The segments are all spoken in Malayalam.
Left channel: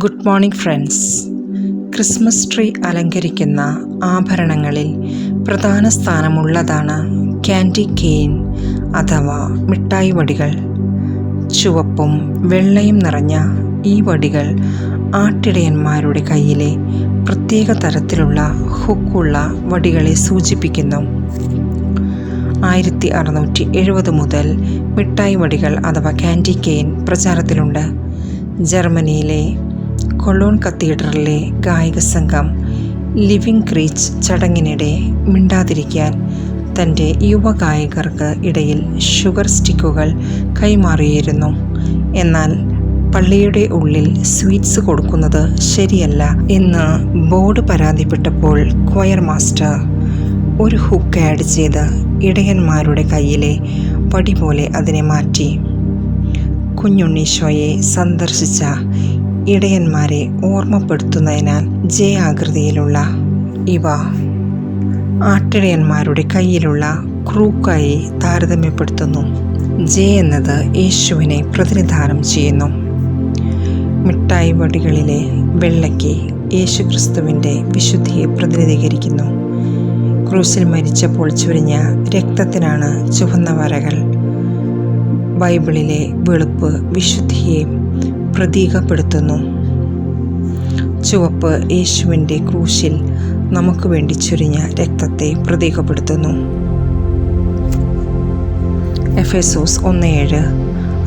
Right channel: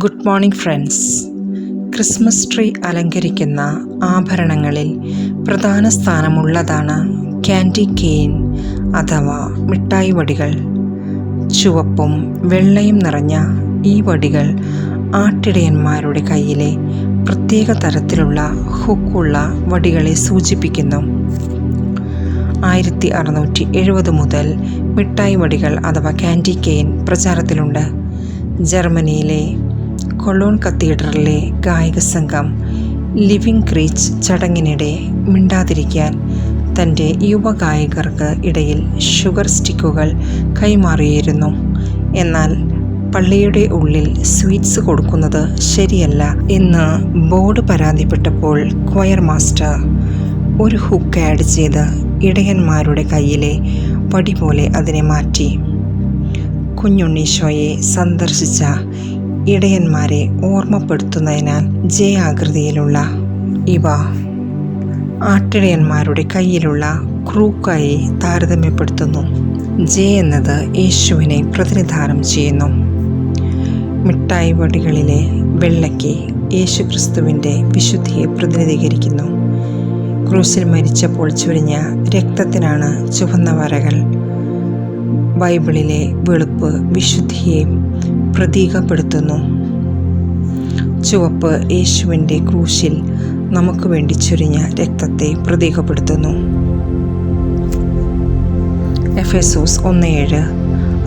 Good morning friends. Christmas tree അലങ്കരിക്കുന്ന ആഭരണങ്ങളിൽ പ്രധാന സ്ഥാനമുള്ളതാണ് ക്യാൻഡി കെയിൻ അഥവാ മിഠായി വടികൾ. ചുവപ്പും വെള്ളയും നിറഞ്ഞ ഈ വടികൾ ആട്ടിടയന്മാരുടെ കയ്യിലെ പ്രത്യേക തരത്തിലുള്ള ഹുക്കുള്ള വടികളെ സൂചിപ്പിക്കുന്നു. 1670 മുതൽ മിഠായി വടികൾ അഥവാ ക്യാൻഡി കെയിൻ പ്രചാരത്തിലുണ്ട്. ജർമ്മനിയിലെ കൊളോൺ കത്തീഡ്രലിലെ ഗായക സംഘം ലിവിംഗ് ക്രീച്ച് ചടങ്ങിനിടെ മിണ്ടാതിരിക്കാൻ തൻ്റെ യുവഗായകർക്ക് ഇടയിൽ ഷുഗർ സ്റ്റിക്കുകൾ കൈമാറിയിരുന്നു. എന്നാൽ പള്ളിയുടെ ഉള്ളിൽ സ്വീറ്റ്സ് കൊടുക്കുന്നത് ശരിയല്ല എന്ന് ബോർഡ് പരാതിപ്പെട്ടപ്പോൾ ക്വയർ മാസ്റ്റർ ഒരു ഹുക്ക് ആഡ് ചെയ്ത് ഇടയന്മാരുടെ കയ്യിലെ വടി പോലെ അതിനെ മാറ്റി. കുഞ്ഞുണ്ണീശോയെ സന്ദർശിച്ച ഇടയന്മാരെ ഓർമ്മപ്പെടുത്തുന്നതിനാൽ ജെ ആകൃതിയിലുള്ള ഇവ ആട്ടിടയന്മാരുടെ കയ്യിലുള്ള ക്രൂക്കായി താരതമ്യപ്പെടുത്തുന്നു. ജെ എന്നത് യേശുവിനെ പ്രതിനിധാനം ചെയ്യുന്നു. മിഠായി വടികളിലെ വെള്ളയ്ക്ക് യേശുക്രിസ്തുവിൻ്റെ വിശുദ്ധിയെ പ്രതിനിധീകരിക്കുന്നു. ക്രൂസിൽ മരിച്ചപ്പോൾ ചൊരിഞ്ഞ രക്തത്തിനാണ് ചുവന്ന വരകൾ. ബൈബിളിലെ വെളുപ്പ് വിശുദ്ധിയെ പ്രതീകപ്പെടുത്തുന്നു. ചുവപ്പ് യേശുവിൻ്റെ ക്രൂശിൽ നമുക്ക് വേണ്ടി ചൊരിഞ്ഞ രക്തത്തെ പ്രതീകപ്പെടുത്തുന്നു. എഫേസോസ് 1:7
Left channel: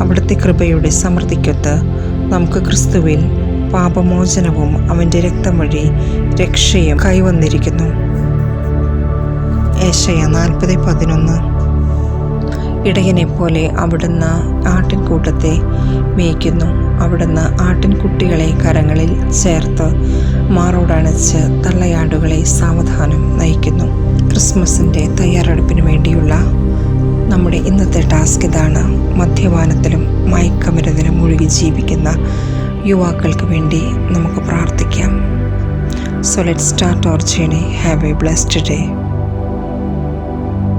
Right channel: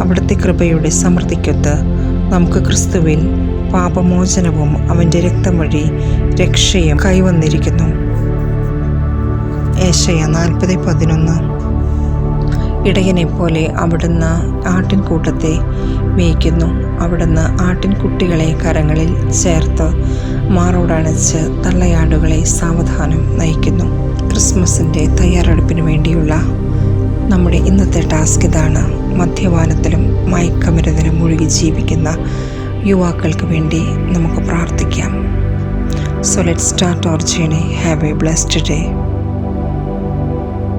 അവിടുത്തെ കൃപയുടെ സമൃദ്ധിക്കൊത്ത് നമുക്ക് ക്രിസ്തുവിൽ പാപമോചനവും അവൻ്റെ രക്തം വഴി രക്ഷയും കൈവന്നിരിക്കുന്നു. ഏശയ്യ 40:11 ഇടയനെപ്പോലെ അവിടുന്ന് ആട്ടിൻകൂട്ടത്തെ മേയ്ക്കുന്നു. അവിടുന്ന് ആട്ടിൻകുട്ടികളെ കരങ്ങളിൽ ചേർത്ത് മാറോടണച്ച് തള്ളയാടുകളെ സാവധാനം നയിക്കുന്നു. ക്രിസ്മസിൻ്റെ തയ്യാറെടുപ്പിന് വേണ്ടിയുള്ള നമ്മുടെ ഇന്നത്തെ ടാസ്ക് ഇതാണ്. മദ്യപാനത്തിലും മയക്കമരുന്നിലും മുഴുകി ജീവിക്കുന്ന യുവാക്കൾക്ക് വേണ്ടി നമുക്ക് പ്രാർത്ഥിക്കാം. So let's start our journey. Have a blessed day.